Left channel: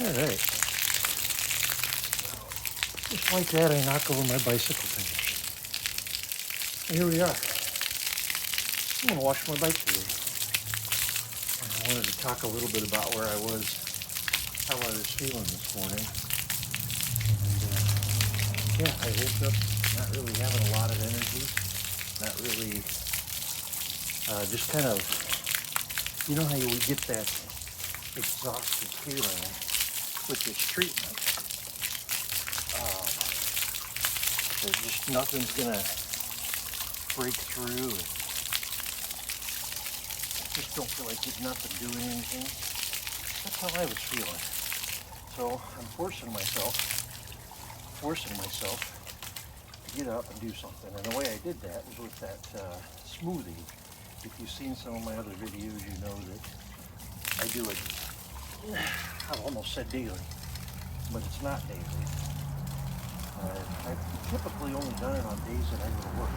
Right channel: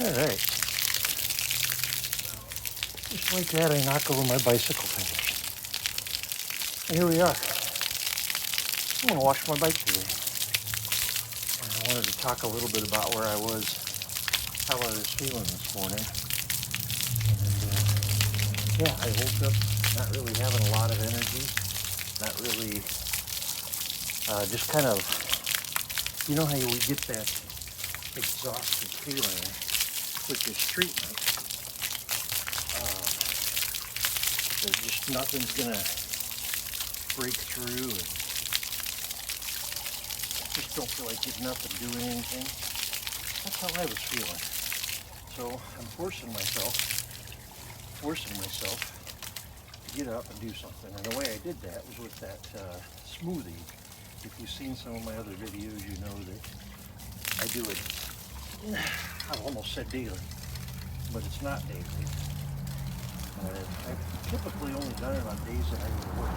All right. Just like that, I knock over my bicycle thing. Here we are. I'm gonna wash my bike today. And I wanted to talk a little bit about where I was, how I was feeling this morning. And yeah, I woke up not really having a lot of energy, not really, just kind of, you know how we get that exhausted feeling with this treatment. There's just nothing's gonna break through, and I just don't feel like there's nothing doing anything. That's how I was feeling. So I'm forcing myself to get up and do something. And the way I did that was with that smoothie. If you've seen some of my other videos, you know that I do it, I've almost said daily, but it's not daily. I've typically only done it on days that I go to work.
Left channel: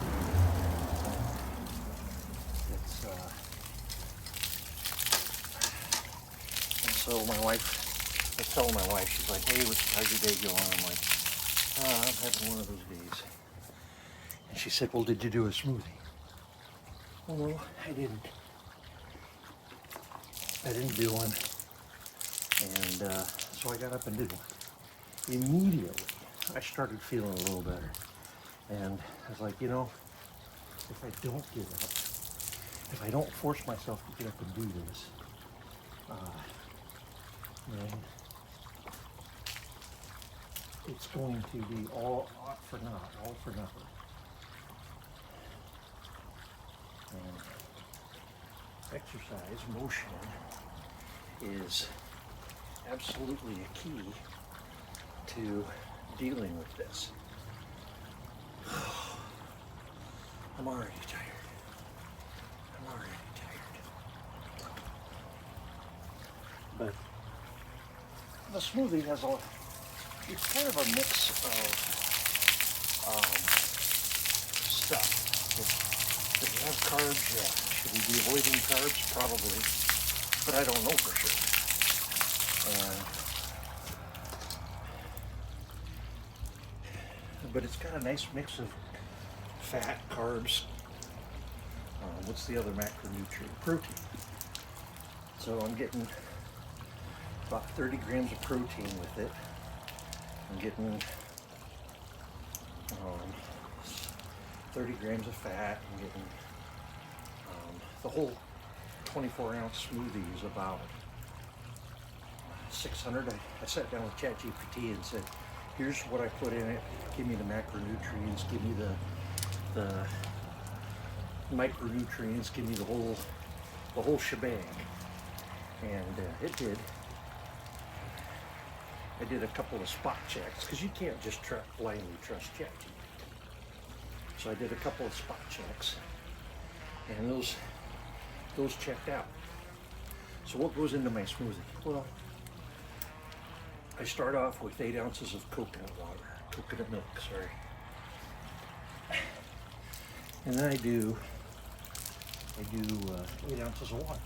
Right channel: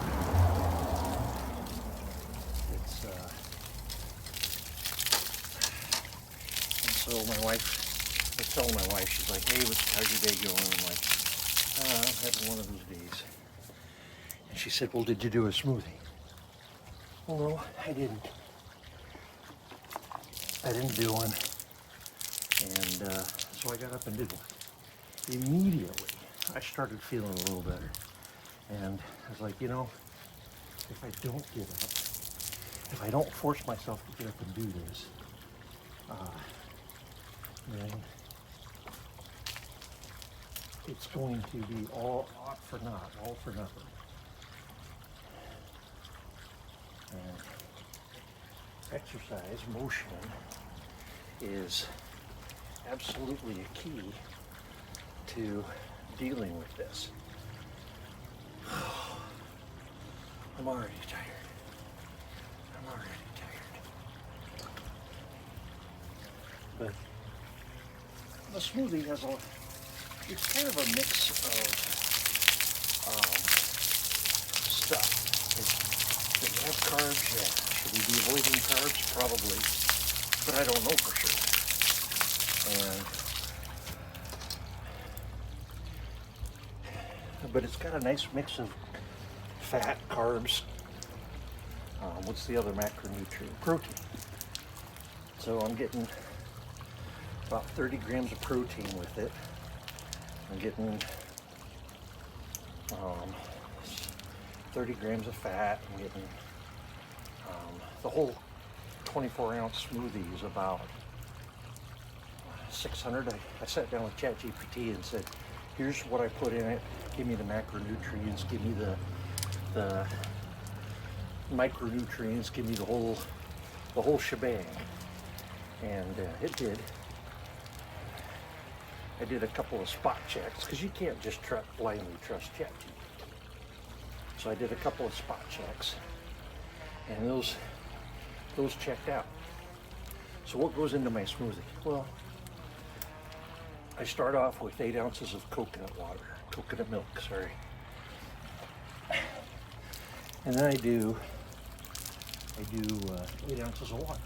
It's, and so my wife, I tell my wife, she's like, hey, how's your day going? I'm like, I'm having one of those days. And she said, well, did you do a smoothie? Well, no, I didn't. I didn't do one. And so I got up and did one. Immediately, I started feeling a little better. And I was like, you know, if I don't get up, if I don't force myself to get up and do this, then it's going to be all for naught, all for nothing. And exercise, motion, is absolutely a key to dealing with this. I'm already tired. But the smoothie has it's kind of a mix of stuff. Does it have carbs? Yeah. Should we be avoiding carbs? Probably. But I don't know for sure. But it's got a nice mix of fat, carbs. What's the other macronutrient? Protein. So I'm getting about 30 grams of protein with it. I'm getting 30 grams of fat. I'm getting the whole 24-ounce smoothie is about 600. I sat down with ChatGPT and said, here's what I put in it. Give me the macronutrients. Give me the micronutrients. Give me the whole shebang. And it did. I did a couple of spot checks because you can't just blindly trust ChatGPT. So I did a couple of spot checks, and those checked out. So what goes into my smoothie? Well, I start off with 8 ounces of coconut milk, sorry. And then I do 8 ounces of water.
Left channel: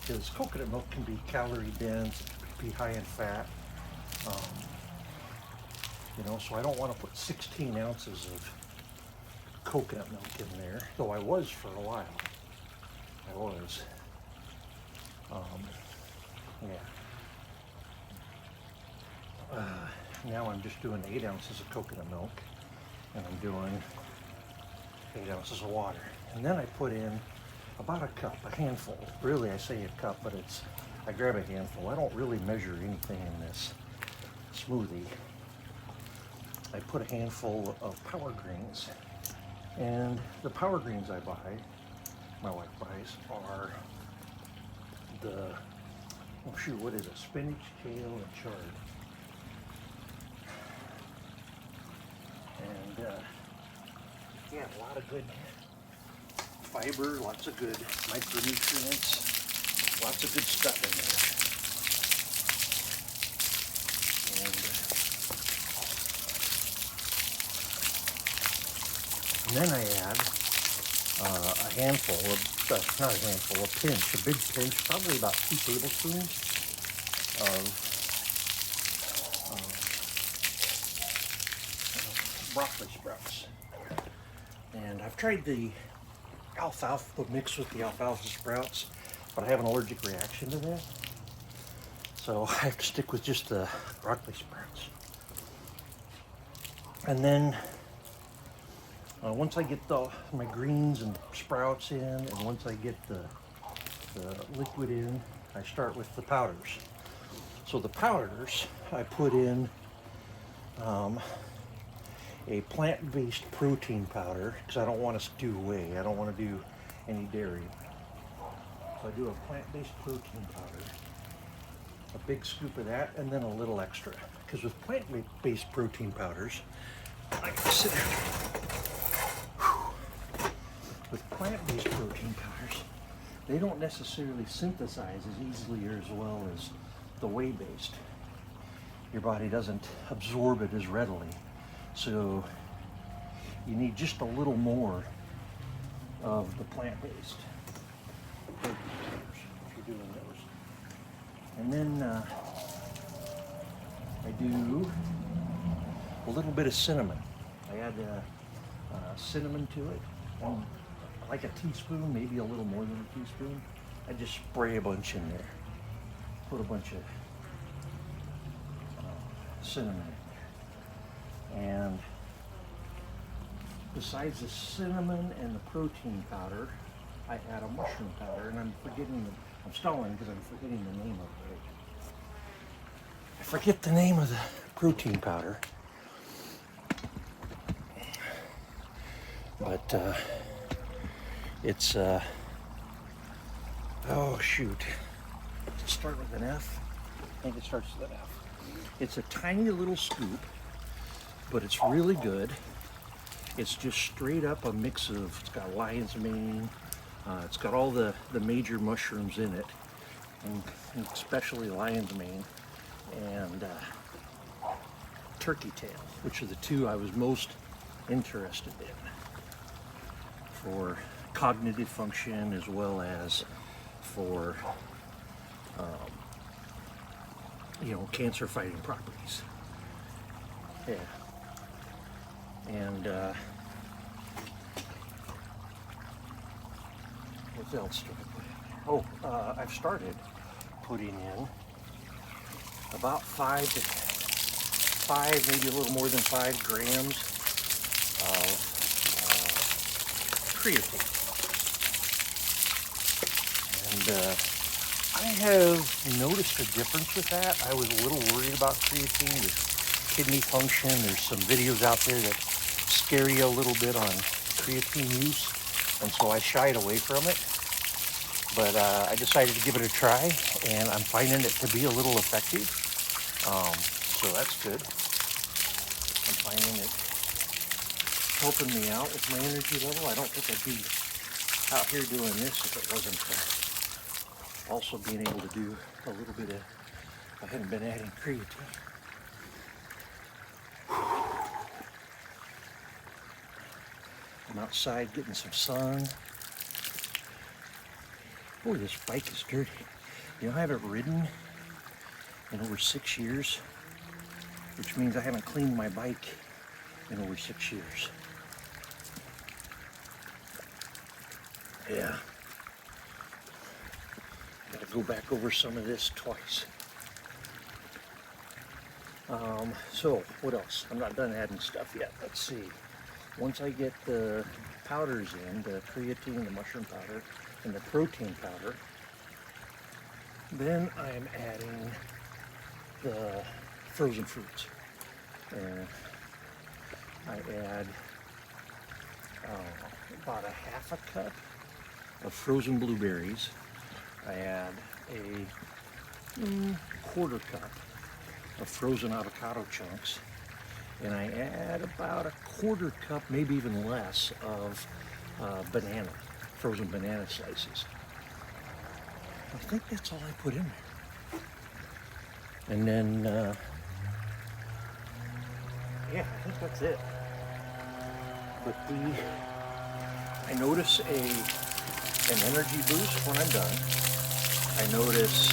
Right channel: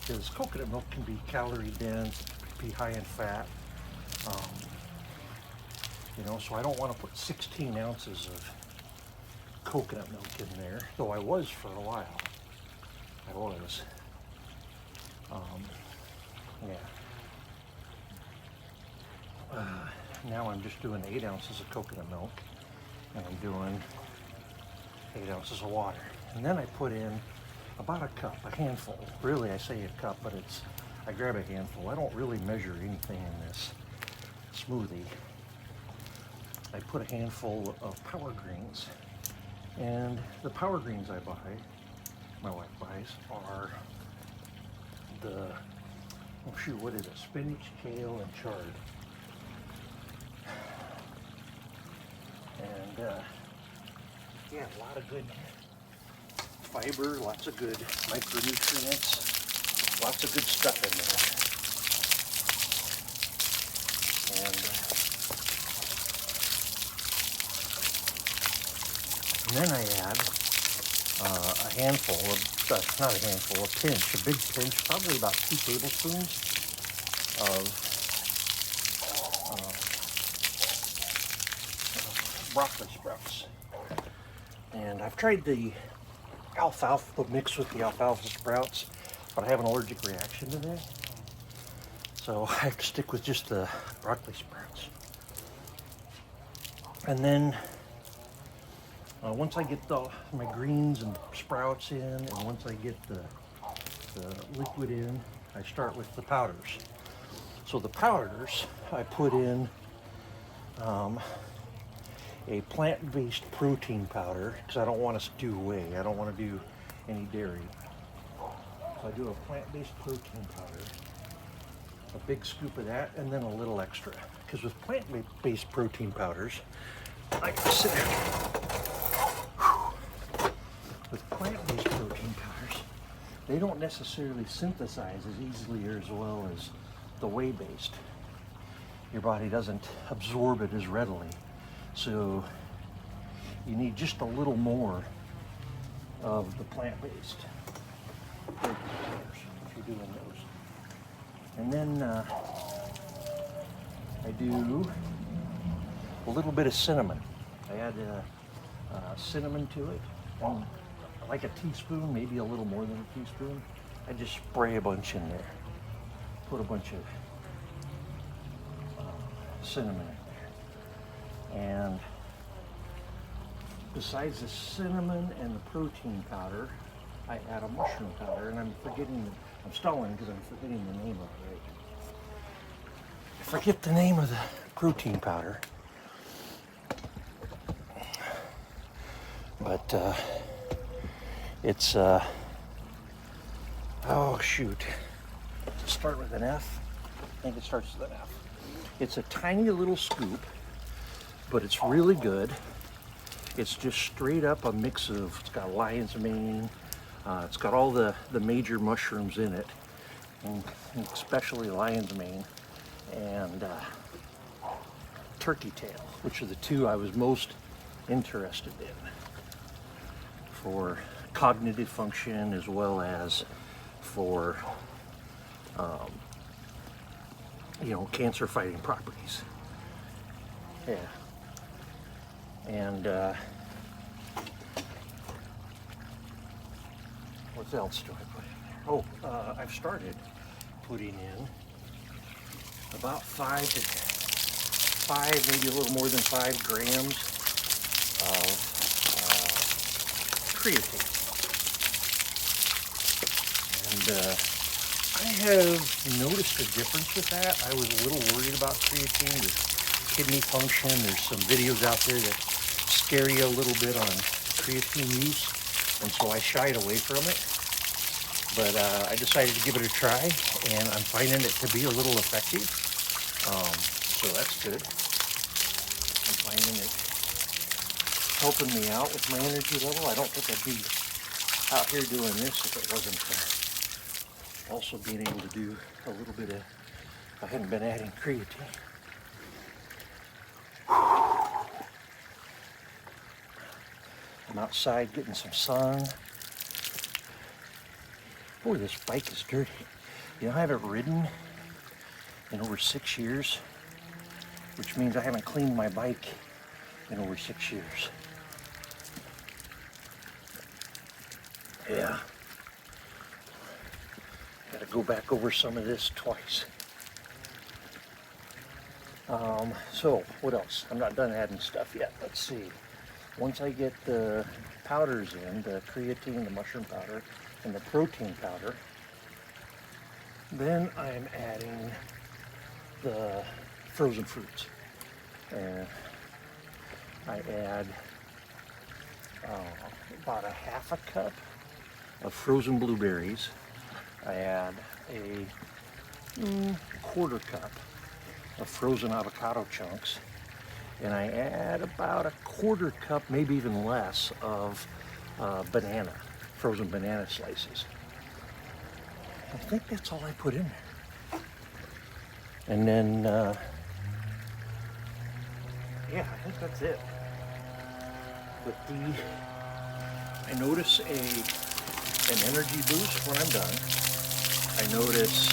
Because coconut milk can be calorie dense, it can be high in fat. So I don't want to put 16 ounces of coconut milk in there, though I was for a while. Now I'm just doing 8 ounces of coconut milk, and I'm doing 8 ounces of water. And then I put in about a cup, a handful. Really, I say a cup, but I grab a handful. I don't really measure anything in this smoothie. I put a handful of power greens, and the power greens I buy, my wife buys, are what is it? Spinach, kale, and chard. And a lot of good fiber, lots of good micronutrients, lots of good stuff in there. And then I add a handful of, not a handful, a pinch, a big pinch, probably about 2 tablespoons of broccoli sprouts. And I've tried the alfalfa mixed with the alfalfa sprouts, but I have an allergic reaction to that. So I have to stick with just the broccoli sprouts. And then once I get my greens and sprouts in, and once I get the liquid in, I start with the powders. So the powders, I put in a plant-based protein powder, because I don't want to stew whey. I don't want to do any dairy. So I do a plant-based protein powder, a big scoop of that, and then a little extra. Because with plant-based protein powders, like I said, with plant-based protein powders, they don't necessarily synthesize as easily or as well as the whey-based. Your body doesn't absorb it as readily. So you need just a little more of the plant-based protein powders if you're doing those. And then I do a little bit of cinnamon. I add cinnamon to it, and like a teaspoon, maybe a little more than a teaspoon. I just spray a bunch in there. Put a bunch of cinnamon in there. And besides the cinnamon and the protein powder, I add a mushroom powder, and I'm stalling because I'm forgetting the name of it. I forget the name of the protein powder. But it's oh shoot. Does it start with an F? I think it starts with an F. It's a tiny little scoop, but it's really good. It's just straight up a mix of, it's got lion's mane, it's got all the major mushrooms in it, and especially lion's mane, and turkey tail, which are the two I was most interested in for cognitive function as well as for cancer fighting properties. Yeah. And what else do I put in there? Oh, I've started putting in about 5, maybe a little more than 5 grams of creatine. And I have noticed a difference with that. I was a little worried about creatine with kidney function. There's some videos out there that scare you a little bit on creatine use, and so I shied away from it. But I decided to give it a try, and I'm finding it to be a little effective. So that's good. I'm finding it helping me out with my energy level. I don't think I'd be out here doing this if it wasn't also being able to do a little bit of, I haven't been adding creatine. I'm outside getting some sun. Boy, this bike is dirty. You know, I haven't ridden in over 6 years, which means I haven't cleaned my bike in over 6 years. Yeah. Gotta go back over some of this twice. So, what else? I'm not done adding stuff yet. Let's see. Once I get the powders in, the creatine, the mushroom powder, and the protein powder, then I'm adding the frozen fruits. I add about a half a cup of frozen blueberries. I add a quarter cup of frozen avocado chunks, and I add about a quarter cup, maybe even less, of frozen banana slices. I think that's all I put in there. And then, yeah, I think that's it. But I notice an energy boost when I'm done. I notice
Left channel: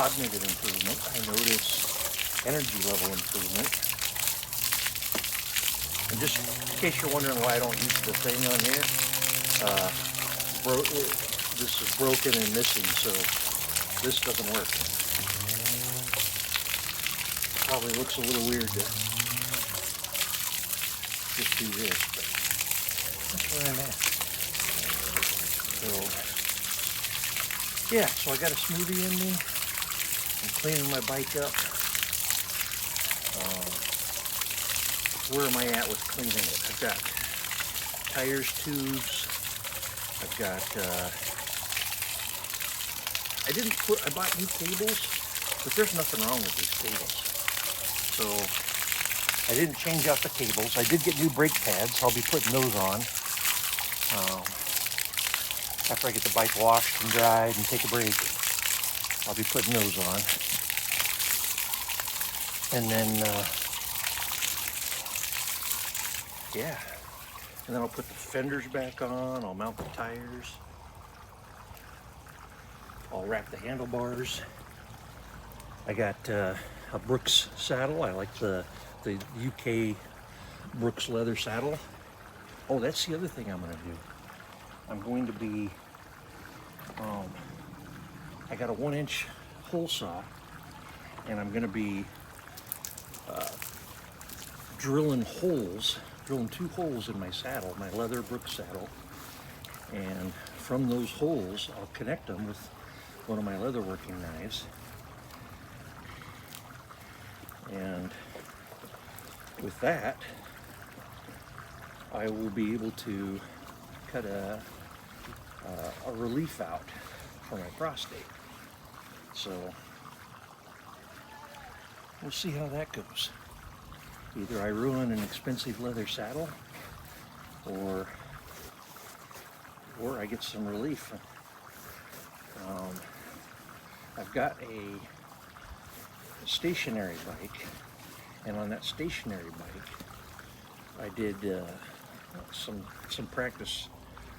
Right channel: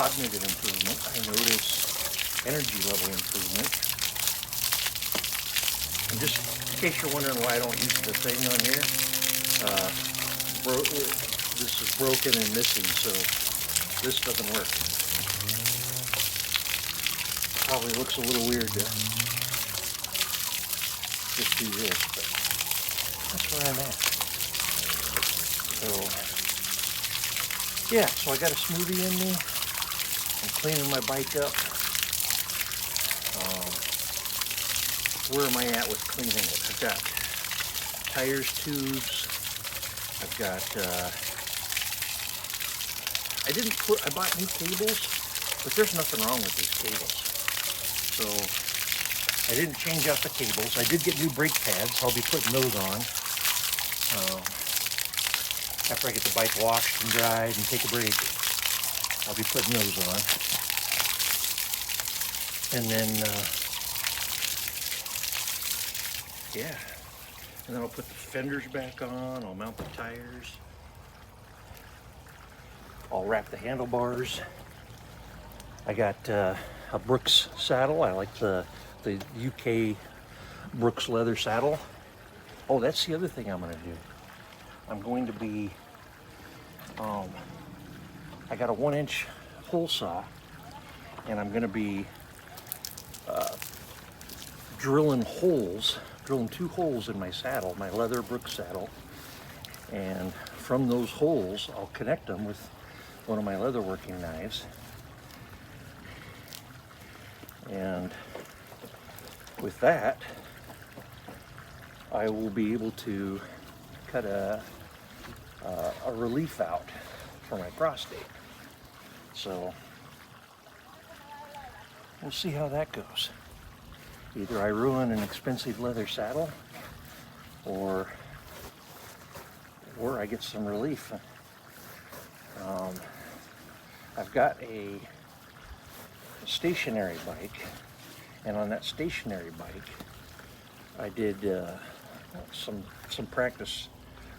cognitive improvement. I notice energy level improvement. And just in case you're wondering why I don't use the thing on here, this is broken and missing, so this doesn't work. Probably looks a little weird to just do this, but that's where I'm at. So, yeah, so I got a smoothie in me. I'm cleaning my bike up. Where am I at with cleaning it? I've got tires, tubes. I've got, I bought new cables, but there's nothing wrong with these cables. So I didn't change out the cables. I did get new brake pads. I'll be putting those on. After I get the bike washed and dried and take a break, I'll be putting those on. And then, yeah. And then I'll put the fenders back on. I'll mount the tires. I'll wrap the handlebars. I got a Brooks saddle. I like the UK Brooks leather saddle. Oh, that's the other thing I'm going to do. I'm going to be, I got a 1-inch hole saw, and I'm going to be drilling 2 holes in my saddle, my leather Brooks saddle, and from those holes, I'll connect them with one of my leatherworking knives, and with that, I will be able to cut a relief out for my prostate. So we'll see how that goes. Either I ruin an expensive leather saddle, or I get some relief. I've got a stationary bike, and on that stationary bike, I did some practice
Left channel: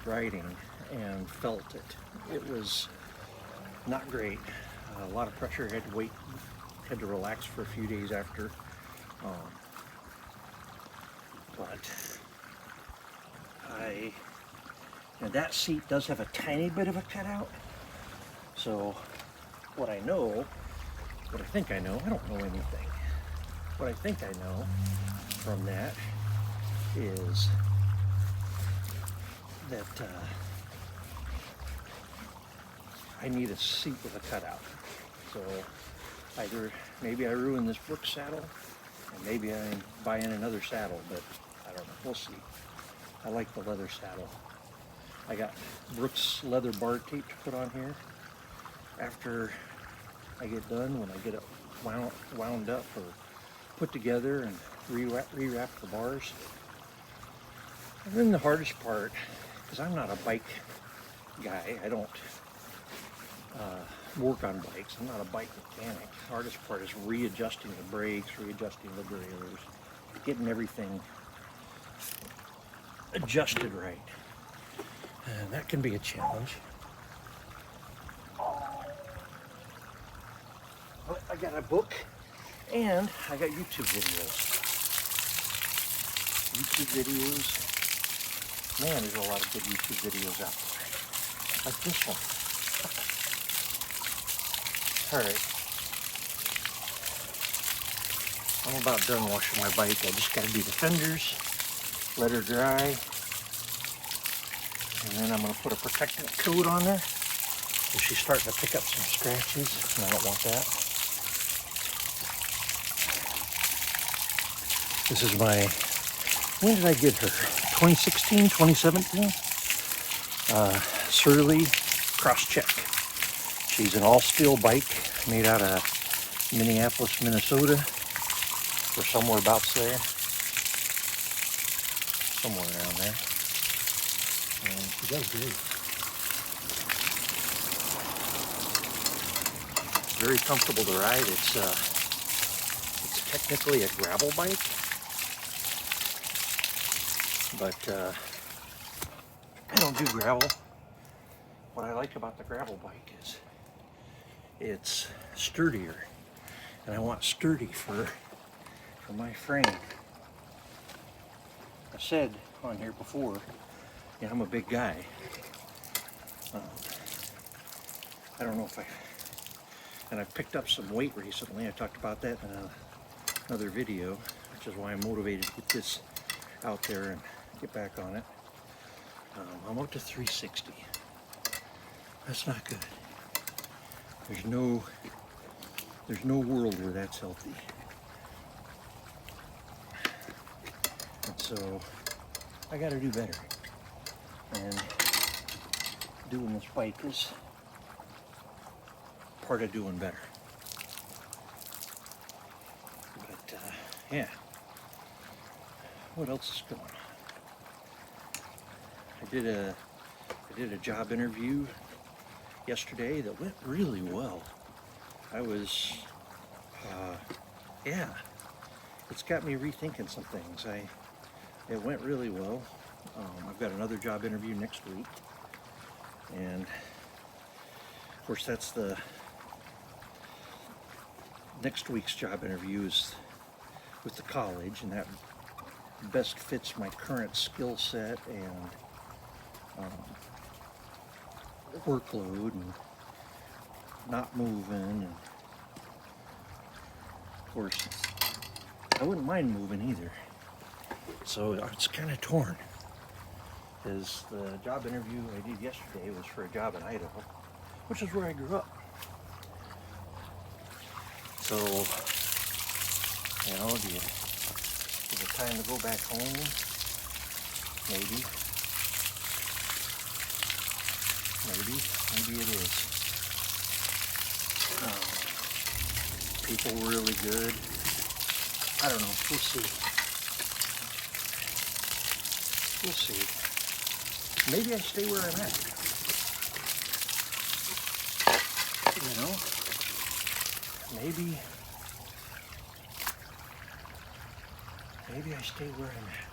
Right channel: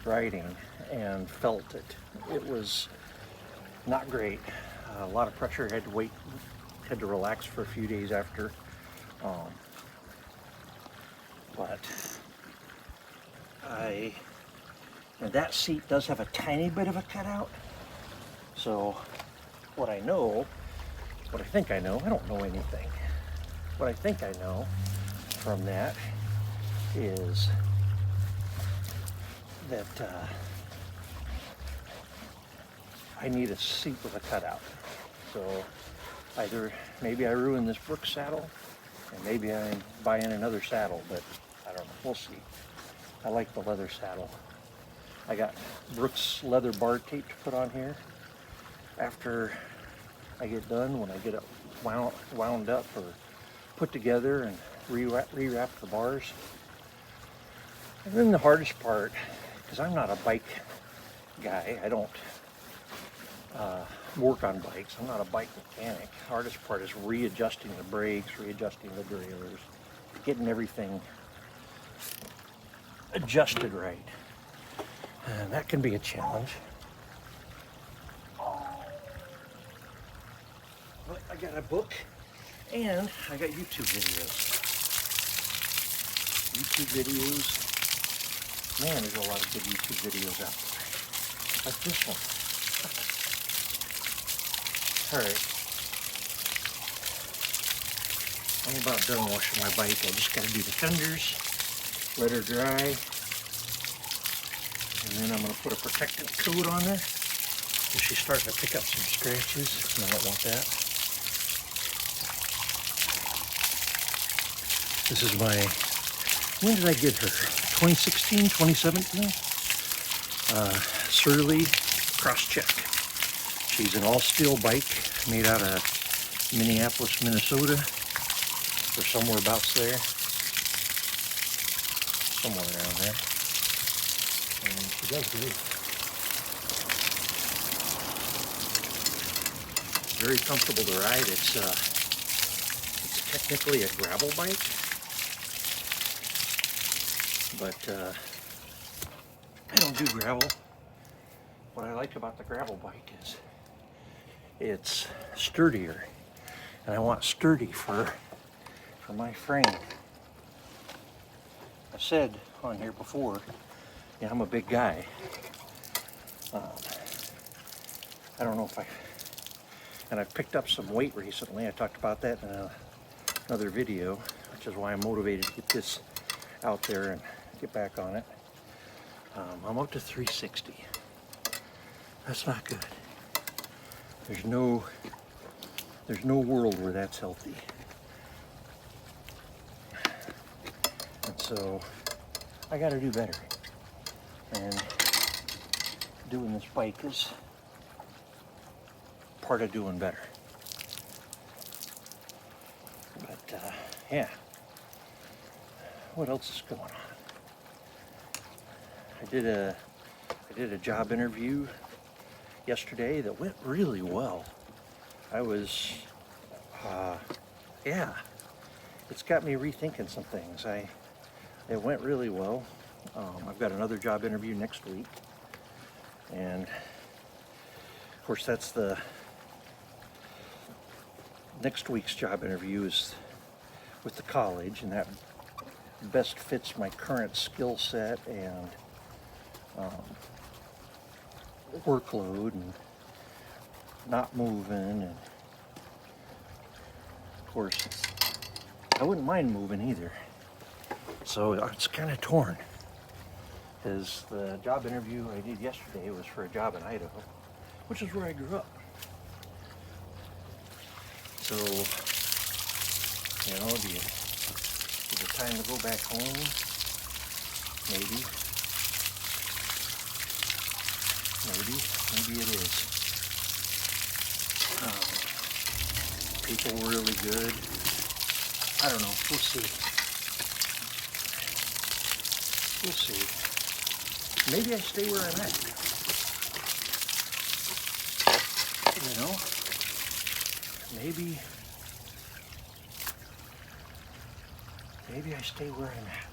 riding and felt it. It was not great. A lot of pressure. Had to relax for a few days after. But and that seat does have a tiny bit of a cutout. So what I think I know, I don't know anything. What I think I know from that is that I need a seat with a cutout. So either maybe I ruin this Brooks saddle, and maybe I'm buying another saddle, but I don't know. We'll see. I like the leather saddle. I got Brooks leather bar tape to put on here after I get done, when I get it wound up or put together and rewrap the bars. And then the hardest part, because I'm not a bike guy, I don't work on bikes, I'm not a bike mechanic. The hardest part is readjusting the brakes, readjusting the gears, getting everything adjusted right. And that can be a challenge. But I got a book, and I got YouTube videos. Man, there's a lot of good YouTube videos out there. Like this one. Alright. I'm about done washing my bike. I just gotta do the fenders, let her dry, and then I'm gonna put a protectant coat on there. She's starting to pick up some scratches, and I don't want that. This is my, when did I get her? 2016, 2017? Surly Cross-Check. She's an all-steel bike made out of Minneapolis, Minnesota, or somewhere about there. Somewhere around there. And she does great. Very comfortable to ride. It's technically a gravel bike, but I don't do gravel. What I like about the gravel bike is it's sturdier. And I want sturdy for my frame. I've said on here before, yeah, I'm a big guy. I don't know if and I picked up some weight recently. I talked about that in another video, which is why I'm motivated to get this out there and get back on it. I'm up to 360. That's not good. There's no world where that's healthy. And so I got to do better. And doing this bike is part of doing better. But yeah, what else is going on? I did a job interview yesterday that went really well. I was yeah, it's got me rethinking some things. It went really well. I've got another job interview next week, and of course that's the next week's job interview is with the college, and that best fits my current skill set and workload and not moving. And of course I wouldn't mind moving either, so it's kind of torn, because the job interview I did yesterday was for a job in Idaho, which is where I grew up. So, you know, is it time to go back home? Maybe it is. People were really good. I don't know, we'll see. Maybe I stay where I'm at. You know? Maybe I stay where I'm at.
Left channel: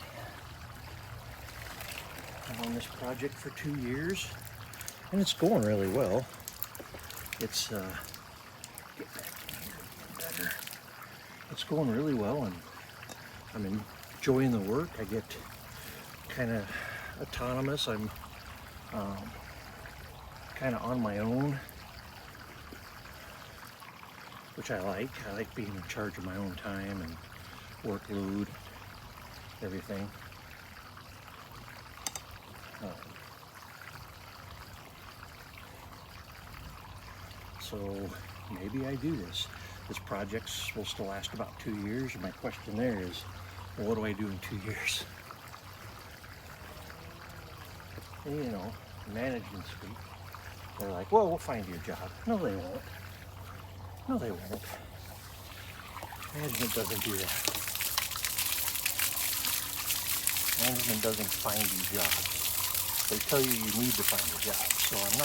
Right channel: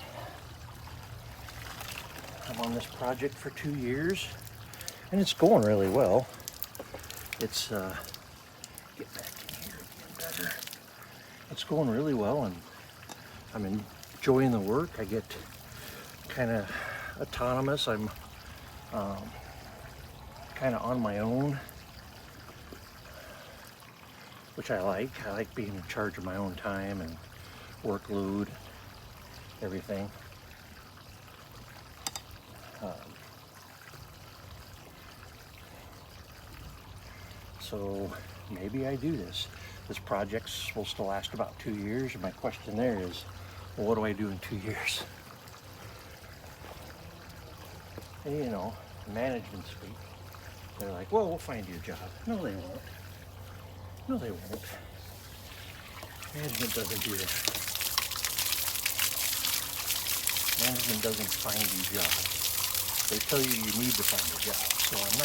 I'm on this project for 2 years, and it's going really well. It's get back in here again better. It's going really well, and I'm enjoying the work. I get kind of autonomous. I'm kind of on my own, which I like. I like being in charge of my own time and workload, everything. So maybe I do this. This project's supposed to last about 2 years. My question there is, well, what do I do in 2 years? You know, management speak. They're like, well, we'll find you a job. No, they won't. No, they won't. Management doesn't do that. Management doesn't find you jobs. They tell you you need to find a job. So I'm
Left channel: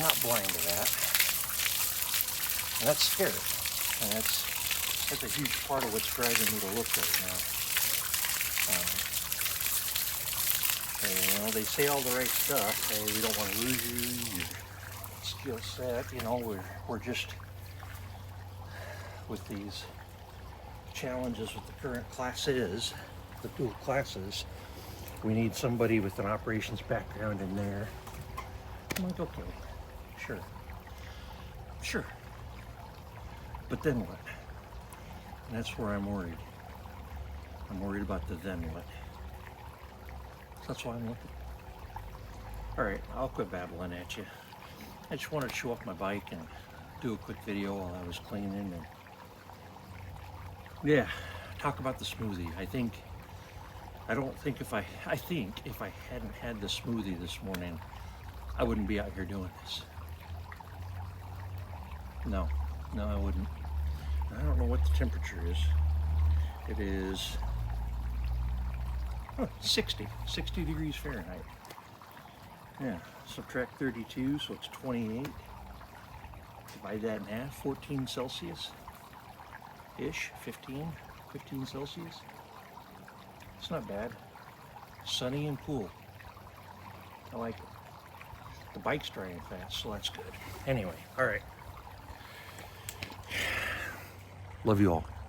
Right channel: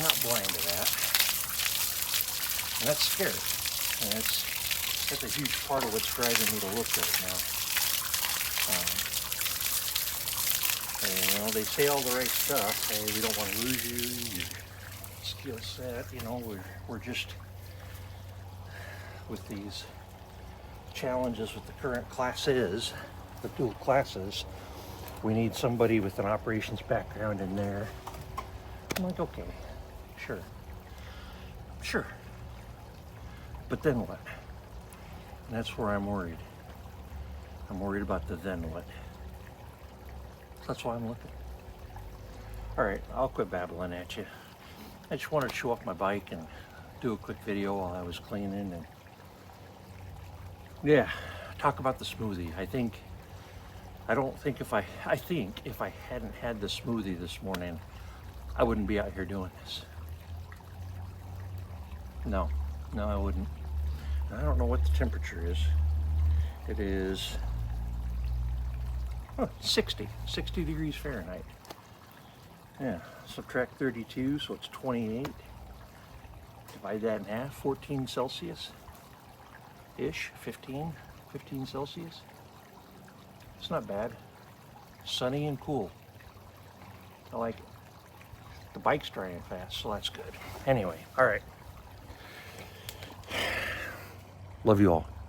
not blind to that. And that's scary. And that's a huge part of what's driving me to look right now. And, you know, they say all the right stuff. Hey, we don't want to lose you, your skill set. You know, we're just with these challenges with the current classes, the dual classes. We need somebody with an operations background in there. I'm like, okay, sure. But then what? And that's where I'm worried. I'm worried about the then what. So that's why I'm looking. All right, I'll quit babbling at you. I just wanted to show off my bike and do a quick video while I was cleaning, and yeah, talk about the smoothie. I think if I hadn't had the smoothie this morning, I wouldn't be out here doing this. No, I wouldn't. I don't know what the temperature is. It is 60 degrees Fahrenheit. Yeah, subtract 32, so it's 28. Divide that in half, 14 Celsius-ish, 15 Celsius. It's not bad. Sunny and cool. I like it. The bike's drying fast, so that's good. Anyway, all right. Love you all.